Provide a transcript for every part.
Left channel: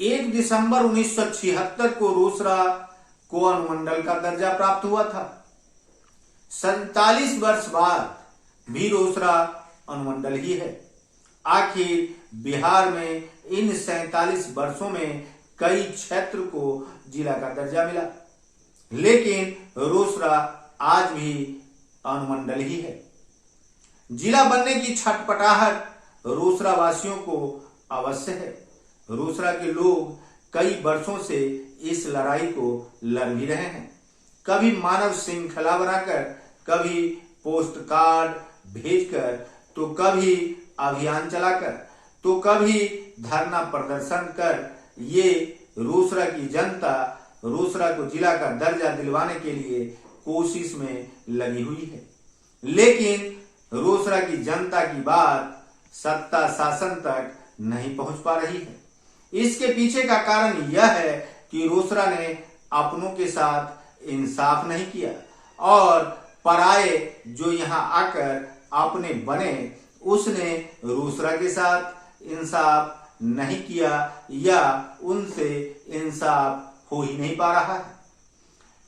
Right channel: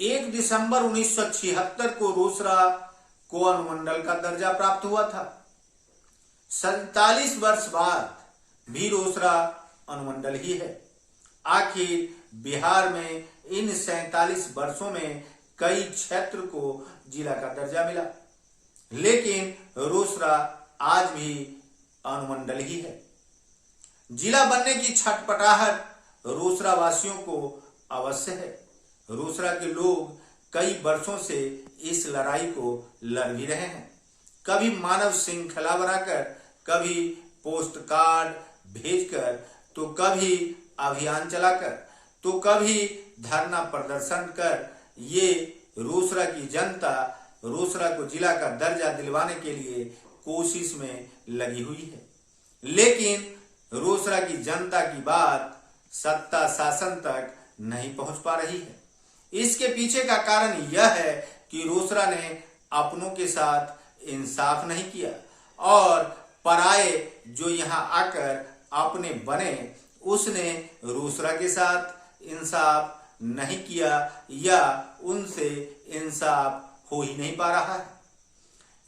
1 दिसंबर 1976 को रोसड़ा को अनुमंडल का दर्जा प्राप्त हुआ था। 47 वर्ष बाद भी रोसड़ा अनुमंडल ही है। आखिर बिहार में इन 47 वर्षों में कई क्षेत्र को जिला का दर्जा मिला, लेकिन रोसड़ा आज भी अनुमंडल ही है। जिला बनने की छटपटाहट रोसड़ा वासियों को अवश्य है। रोसड़ा के लोग कई वर्षों से इस लड़ाई को लड़ भी रहे हैं, कभी मानव श्रृंखला बनाकर, कभी पोस्ट कार्ड भेजकर, तो कभी अभियान चलाकर, तो कभी धरना प्रदर्शन कर। ये रोसड़ा की जनता रोसड़ा को जिला का दर्जा दिलवाने के लिए कोशिश में लगी हुई है, लेकिन रोसड़ा की जनता की बात सत्ता शासन तक नहीं पहुंच पा रही है। इसके पीछे का कारण यह है कि रोसड़ा ने अपनों के साथ इंसाफ नहीं किया और पराये जो यहाँ आकर अपने बने उसने रोसड़ा के साथ इंसाफ नहीं किया या उनसे इंसाफ हो ही नहीं पा रहा है।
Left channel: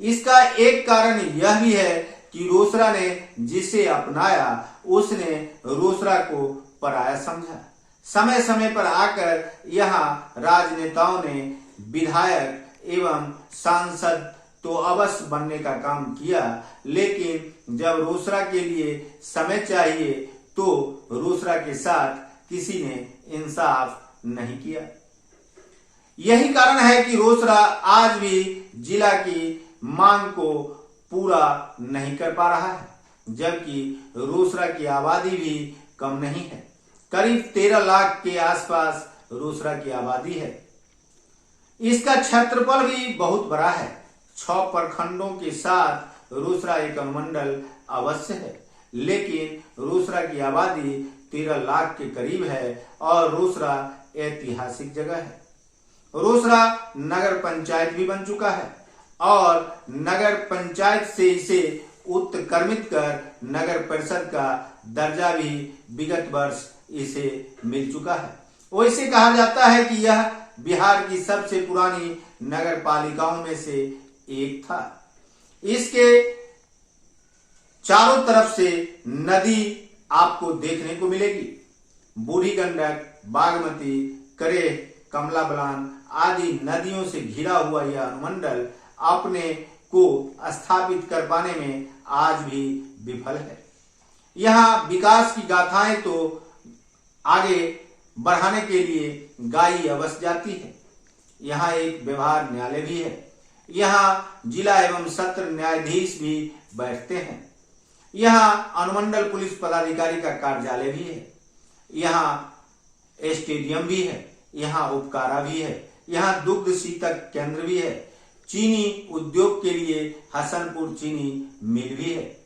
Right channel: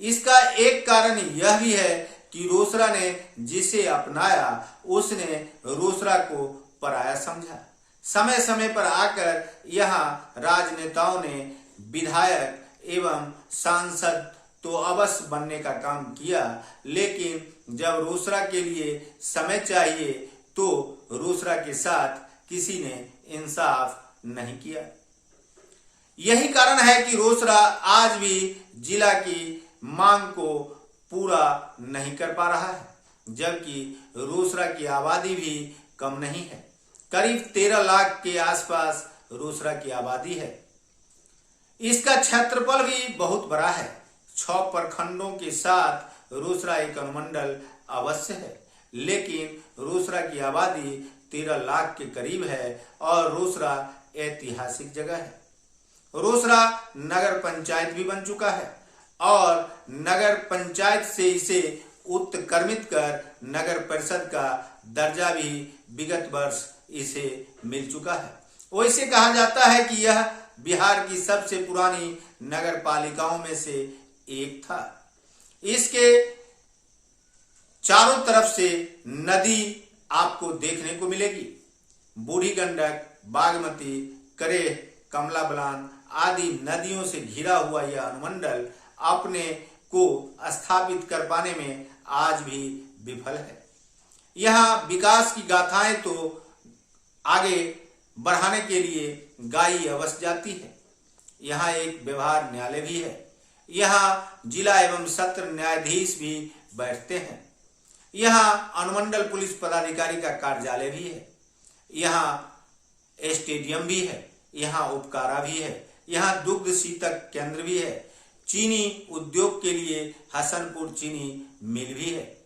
इसका एक कारण यह भी है कि रोसड़ा ने जिसे अपनाया उसने रोसड़ा को पराया समझा। समय समय पर आकर यहाँ राजनेताओं ने विधायक एवं सांसद तो अवश्य बनने का काम किया, लेकिन जब रोसड़ा के लिए समय चाहिए तो रोसड़ा के साथ किसी ने इंसाफ नहीं किया। यही कारण है कि रोसड़ा आज भी जिला की मांग को पूरा नहीं कर पा रहा है, जबकि रोसड़ा की आबादी भी कम नहीं है। करीब 13 लाख के आसपास रोसड़ा की आबादी है। इसका क्षेत्रफल भी बहुत बड़ा है। 6 प्रखंडों के साथ रोसड़ा एक अनुमंडल अवश्य है, लेकिन रोसड़ा की आबादी 13 लाख के करीब है और रोसड़ा ऐतिहासिक जगह है। रोसड़ा नगर पंचायत भी बन चुका है और नगर पंचायत से इसे उत्क्रमित कर नगर परिषद का दर्जा भी विगत वर्ष इसे मिल चुका है। वैसे कहा जाता है कि यह बिहार की सबसे पुरानी नगर पालिकाओं में से एक था। इसके चारों तरफ से नदी आपको देखने को मिलेगी। बूढ़ी गंडक, बागमती, करेह, कमला बलान आदि नदियों से घिरा हुआ यह अनुमंडल अपने को स्थापित कर पाने में आज भी विफल है। यहाँ विकास की गाथाएं तो आगे बढ़ाने के लिए गाई अवश्य जाती है। यहाँ एक व्यवहार न्यायालय भी है। यहाँ जिला एवं सत्र न्यायाधीश भी बैठते हैं। यहाँ अनुमंडल पुलिस पदाधिकारी का कार्यालय भी है। यहाँ स्टेडियम भी है। यहाँ उपकारा भी है। यहाँ दुग्ध शीतक केंद्र भी है। चीनी उद्योग के लिए हसनपुर चीनी मिल भी है।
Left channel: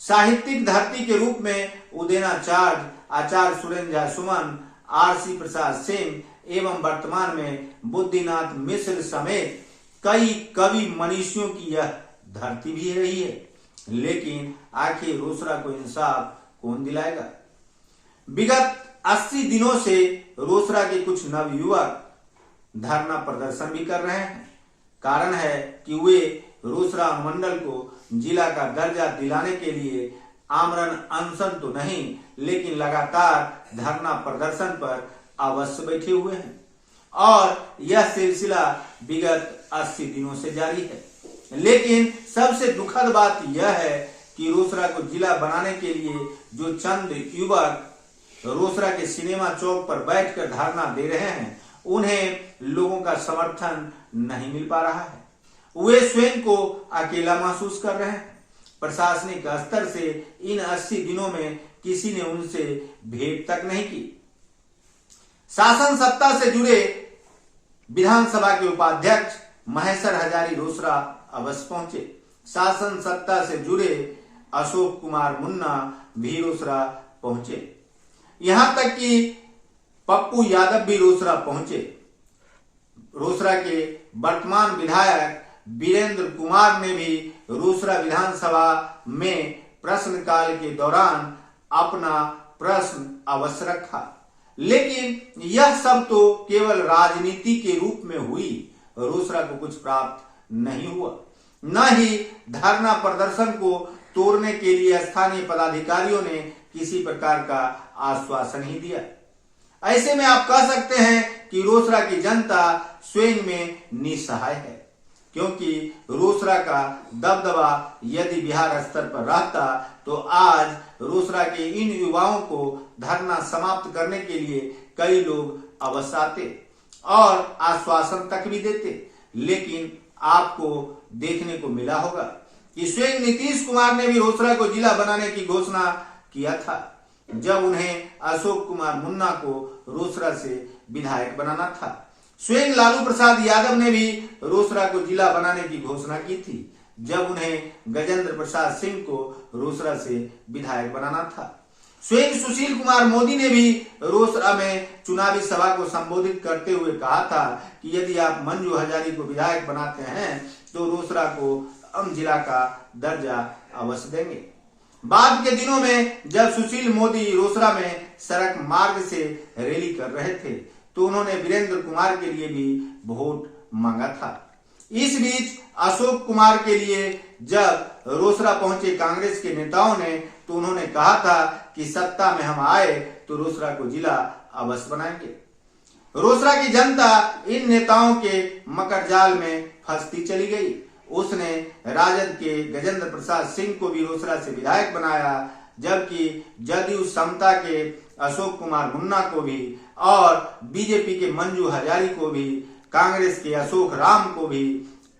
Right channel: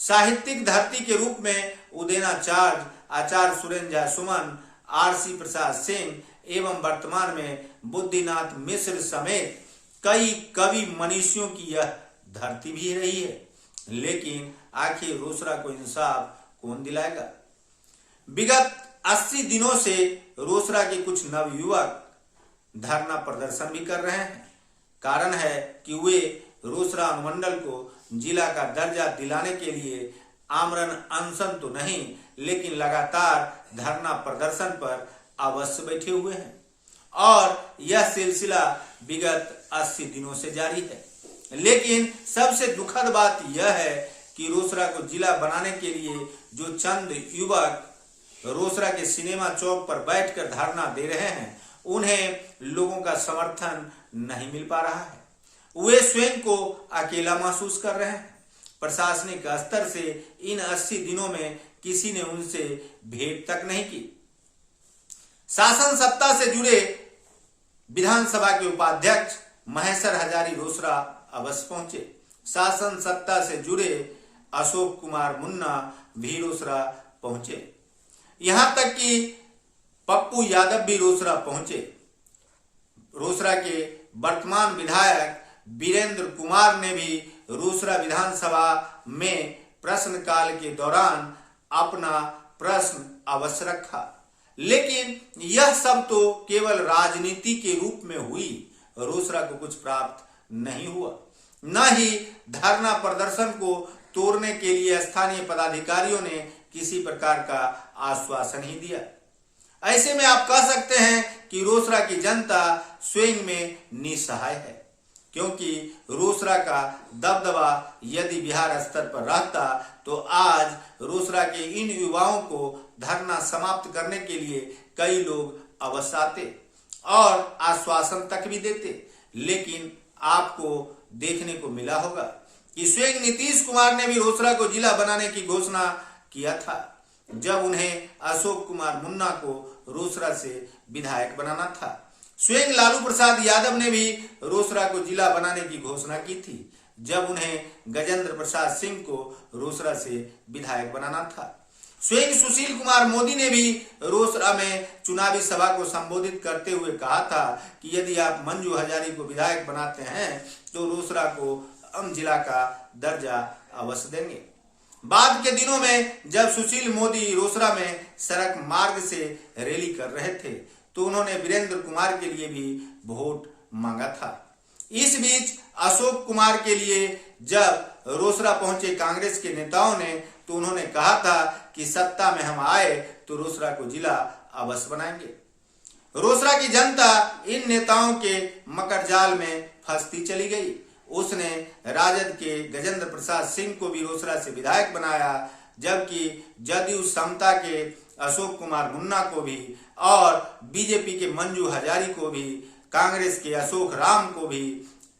साहित्यिक धरती के रूप में उदयनाचार्य, आचार्य सुरेंद्र झा सुमन, आरसी प्रसाद सेन एवं वर्तमान में बुद्धिनाथ मिश्र समेत कई कवि मनीषियों की यह धरती भी रही है, लेकिन आखिर रोसड़ा को इंसाफ कौन दिलाएगा? विगत 80 दिनों से रोसड़ा के कुछ नवयुवक धरना प्रदर्शन भी कर रहे हैं। कारण है कि वे रोसड़ा अनुमंडल को जिला का दर्जा दिलाने के लिए आमरण अनशन तो नहीं, लेकिन लगातार धरना प्रदर्शन पर अवश्य बैठे हुए हैं और यह सिलसिला विगत 80 दिनों से जारी है। लेकिन सबसे दुखद बात यह है कि रोसड़ा को जिला बनाने के लिए जो चंद युवक रोसड़ा के सिनेमा चौक पर बैठकर धरना दे रहे हैं, उन्हें लोगों का समर्थन नहीं मिल पा रहा है। वे स्वयं को अकेला महसूस कर रहे हैं। प्रशासनिक स्तर से इन 80 दिनों में किसी ने उनसे भेंट तक नहीं की। शासन सत्ता से जुड़े विधानसभा के उपाध्यक्ष महेश्वर हजारी रोसड़ा अवश्य पहुंचे। शासन सत्ता से जुड़े अशोक कुमार मुन्ना भी रोसड़ा पहुंचे। यहां तक कि पप्पू यादव भी रोसड़ा पहुंचे। रोसड़ा के वर्तमान विधायक वीरेंद्र कुमार ने भी रोसड़ा विधानसभा में प्रश्नकाल के दौरान अपना प्रश्न अवश्य रखा, लेकिन यह सब तो केवल राजनीति के रूप में हुई, रोसरा को कुछ प्राप्त नहीं हुआ। न ही धरना प्रदर्शन को तोड़ने के लिए स्थानीय पदाधिकारियों ने किसी प्रकार का आश्वासन ही दिया। ऐसे में आप कह सकते हैं कि रोसरा की जनता स्वयं में निसहाय है, क्योंकि रोसरा का दबदबा यदि बिहार स्तर पर रहता तो आज रोसरा के इन युवाओं को धरना समाप्त करने के लिए कई लोग अवश्य आते और आश्वासन तक भी देते। लेकिन आपको देखने को मिला होगा कि स्वयं नीतीश कुमार ने भी रोसरा को जिला बनाने की घोषणा किया था, जब उन्हें अशोक कुमार मुन्ना को रोसरा से विधायक बनाना था। स्वयं लालू प्रसाद यादव ने भी रोसरा को जिला बनाने की घोषणा की थी, जब उन्हें गजेंद्र प्रसाद सिंह को रोसरा से विधायक बनाना था। स्वयं सुशील कुमार मोदी ने भी रोसरा में चुनावी सभा को संबोधित करते हुए कहा था कि यदि आप मंजू हजारी को विधायक बनाते हैं तो रोसरा को हम जिला का दर्जा अवश्य देंगे। बाद के दिनों में जब सुशील मोदी रोसरा में सड़क मार्ग से रैली कर रहे थे तो उन्होंने वीरेंद्र कुमार के लिए भी वोट मांगा था। इस बीच अशोक कुमार के लिए जब रोसरा पहुंचे कांग्रेस के नेताओं ने तो उन्होंने कहा था कि सत्ता में हम आए तो रोसरा को जिला अवश्य बनाएंगे। रोसरा की जनता इन नेताओं के मकर जाल में फंसती चली गई। उसने राजद के गजेंद्र प्रसाद सिंह को भी रोसरा से विधायक बनाया, जबकि जदयू समता के अशोक कुमार मुन्ना को भी और बीजेपी के मंजू हजारी को भी, कांग्रेस के अशोक राम को भी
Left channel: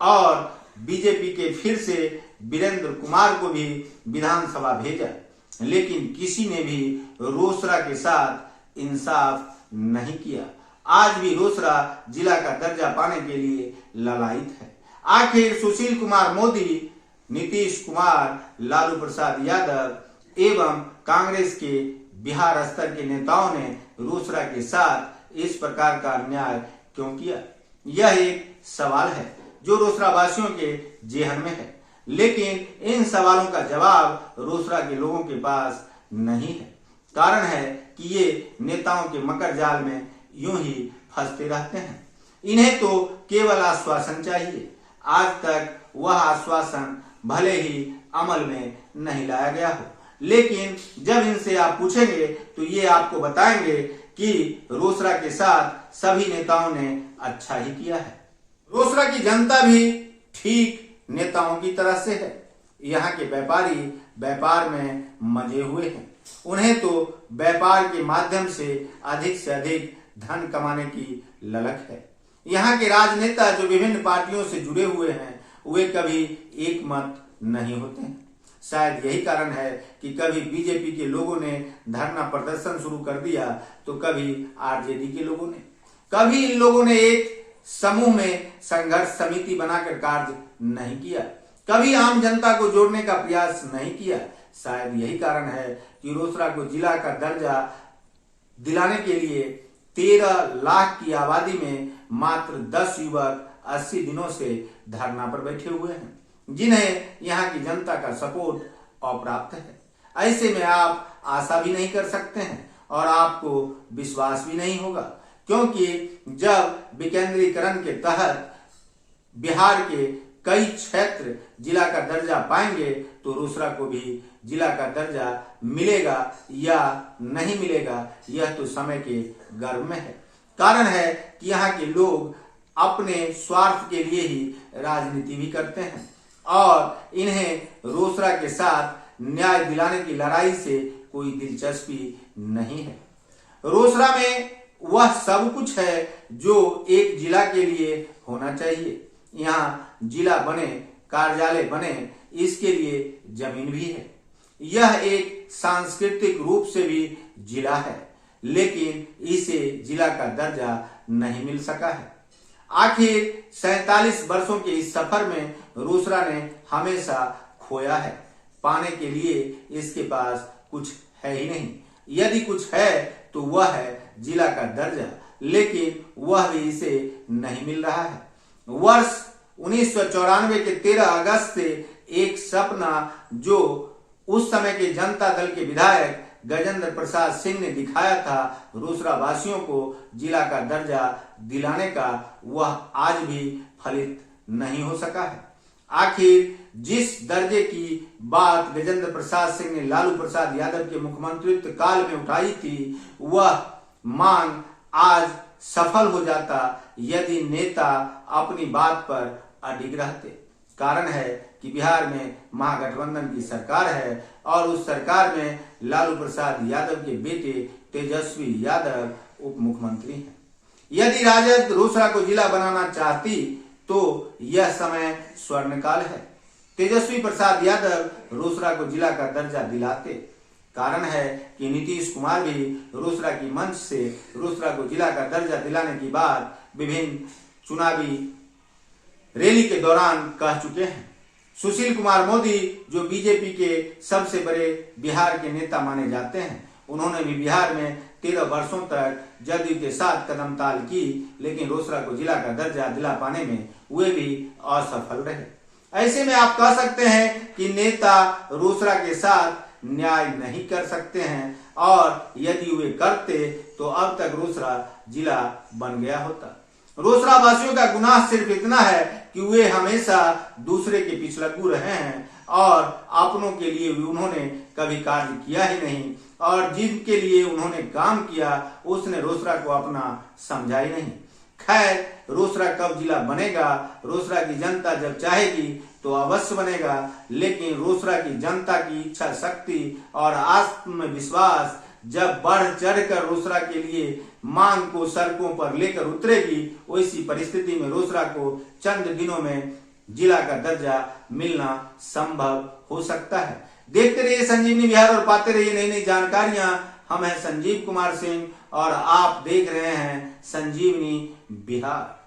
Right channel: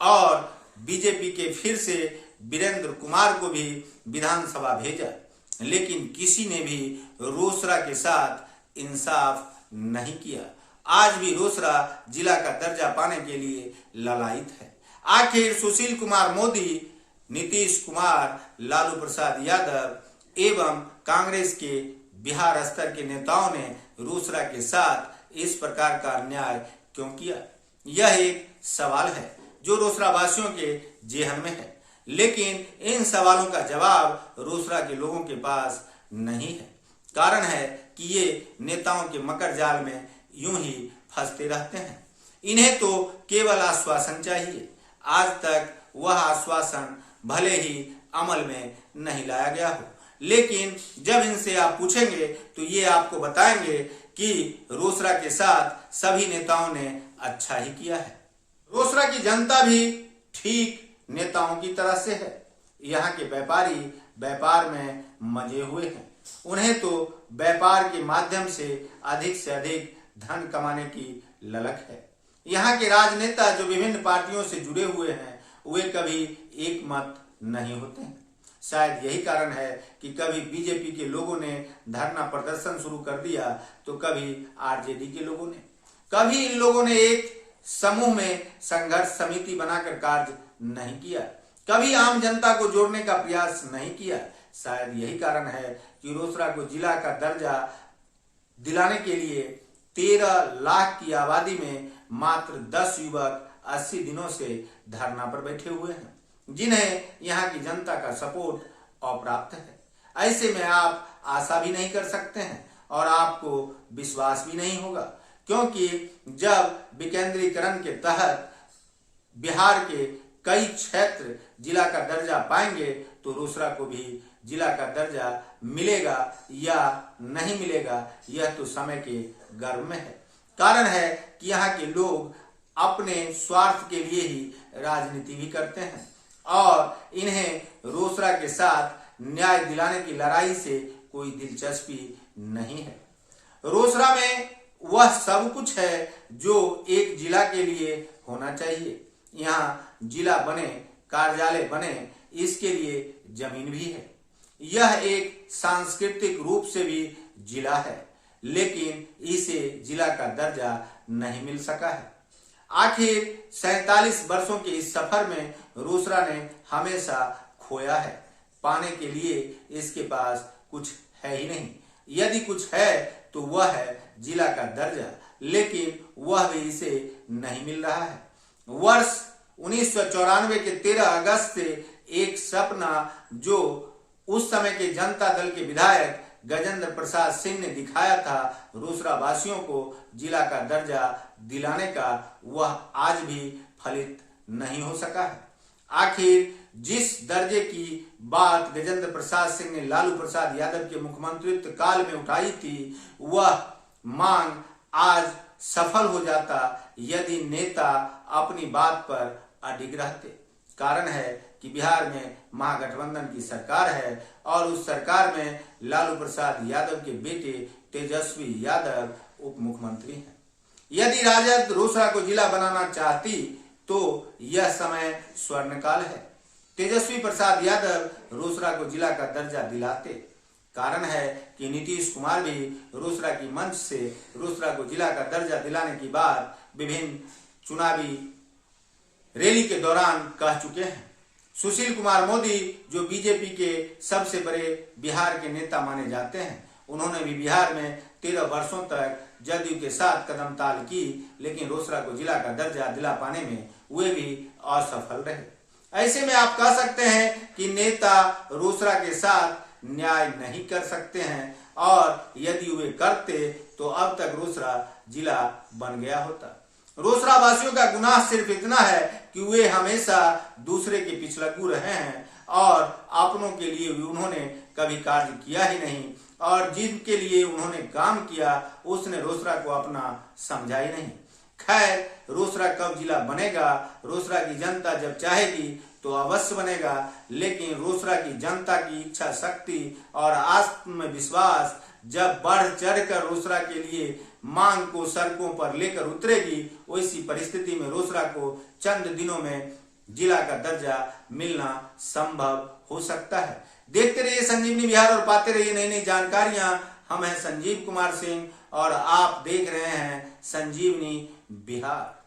और बीजेपी के फिर से वीरेंद्र कुमार को भी विधानसभा भेजा, लेकिन किसी ने भी रोसरा के साथ इंसाफ नहीं किया। आज भी रोसरा जिला का दर्जा पाने के लिए ललायित है। आखिर सुशील कुमार मोदी, नीतीश कुमार, लालू प्रसाद यादव एवं कांग्रेस के बिहार स्तर के नेताओं ने रोसरा के साथ इस प्रकार का अन्याय क्यों किया? यह एक सवाल है जो रोसरा वासियों के जेहन में है, लेकिन इन सवालों का जवाब रोसरा के लोगों के पास नहीं है। कारण है कि ये नेताओं के मकर जाल में यूं ही फंसते रहते हैं। इन्हें तो केवल आश्वासन चाहिए। आज तक वह आश्वासन भले ही अमल में नहीं लाया गया हो, लेकिन जब इनसे आप पूछेंगे तो ये आपको बताएंगे कि रोसरा के साथ सभी नेताओं ने अच्छा ही किया है। रोसरा की जनता भी ठीक नेताओं की तरह से है। यहाँ के व्यापारी व्यापार में मजे हुए हैं। उन्हें तो व्यापार के माध्यम से अधिक धन कमाने की ललक है। यहाँ के राजनेता जो विभिन्न पार्टियों से जुड़े हुए हैं वे कभी एक मत नहीं होते हैं। शायद यही कारण है कि कभी बीजेपी के लोगों ने धरना प्रदर्शन शुरू कर दिया तो कभी आरजेडी के लोगों ने, कभी इन लोगों ने एक समूह में संघर्ष समिति बनाकर कार्य नहीं किया, कभी आम जनता को जोड़ने का प्रयास नहीं किया। शायद यही कारण है कि रोसरा को जिला का दर्जा दिलाने के लिए 13 लाख की आबादी में मात्र 10 युवक 80 दिनों से धरना पर बैठे हुए हैं, जिन्हें यहाँ की जनता का सपोर्ट अप्राप्त है। ऐसे में आप आशा भी नहीं कर सकते हैं और आपको विश्वास भी नहीं होगा, क्योंकि जब विकेंद्रीकरण के तहत बिहार के कई क्षेत्र जिला का दर्जा पाएंगे तो रोसरा को भी जिला का दर्जा मिलेगा या नहीं मिलेगा यह तो समय के गर्भ में है। कारण है कि यहाँ के लोग अपने स्वार्थ के लिए ही राजनीति भी करते हैं और इन्हें रोसरा के साथ न्याय दिलाने की लड़ाई से कोई दिलचस्पी नहीं है। रोसरा में वह सब कुछ है जो एक जिला के लिए होना चाहिए। यहाँ जिला बने, कार्यालय बने, इसके लिए जमीन भी है। यह एक सांस्कृतिक रूप से भी जिला है, लेकिन इसे जिला का दर्जा नहीं मिल सका है। आखिर 47 वर्षों के इस सफर में रोसरा ने हमेशा खोया है। पाने के लिए इसके पास कुछ है ही नहीं। यदि कुछ है तो वह है जिला का दर्जा, लेकिन वह भी इसे नहीं मिल रहा है। वर्ष 1994 के 13 अगस्त से एक सपना जो उस समय के जनता दल के विधायक गजेंद्र प्रसाद सिंह ने दिखाया था रोसड़ा वासियों को जिला का दर्जा दिलाने का, वह आज भी फलित नहीं हो सका है। आखिर जिस दर्जे की बात गजेंद्र प्रसाद सिंह ने लालू प्रसाद यादव के मुख्यमंत्रित्व काल में उठाई थी, वह मांग आज सफल हो जाता यदि नेता अपनी बात पर अडिग रहते। कारण है कि बिहार में महागठबंधन की सरकार है और उस सरकार में लालू प्रसाद यादव के बेटे तेजस्वी यादव उप मुख्यमंत्री हैं। यदि राजद रोसड़ा को जिला बनाना चाहती तो यह समय स्वर्णकाल है। तेजस्वी प्रसाद यादव रोसड़ा को जिला का दर्जा दिलाते। कारण है कि नीतीश कुमार भी रोसड़ा की मंच से रोसड़ा को जिला का दर्जा दिलाने की बात विभिन्न चुनावी रैली के दौरान कह चुके हैं। सुशील कुमार मोदी जो बीजेपी के सबसे बड़े बिहार के नेता माने जाते हैं, उन्होंने भी बिहार में 13 वर्षों तक जदयू के साथ कदमताल की, लेकिन रोसड़ा को जिला का दर्जा दिला पाने में वे भी असफल रहे। ऐसे में आप कह सकते हैं कि नेता रोसड़ा के साथ न्याय नहीं कर सकते हैं और यदि वे करते तो अब तक रोसड़ा जिला बन गया होता। रोसड़ा वासियों का गुनाह सिर्फ इतना है कि वे हमेशा दूसरे के पिछलग्गू रहे हैं और अपनों के लिए उन्होंने कभी कार्य किया ही नहीं और जिनके लिए उन्होंने काम किया उसने रोसड़ा को अपना समझा ही नहीं। खैर, रोसड़ा कब जिला बनेगा, रोसड़ा की जनता जब चाहेगी तो अवश्य बनेगा, लेकिन रोसड़ा की जनता की इच्छा शक्ति और आत्मविश्वास जब बढ़ चढ़कर रोसड़ा के लिए मांग को सड़कों पर लेकर उतरेगी, वैसी परिस्थिति में रोसड़ा को चंद दिनों में जिला का दर्जा मिलना संभव हो सकता है। देखते रहिए संजीवनी बिहार और पाते रहिए नई नई जानकारियां। हम हैं संजीव कुमार सिंह और आप देख रहे हैं संजीवनी बिहार।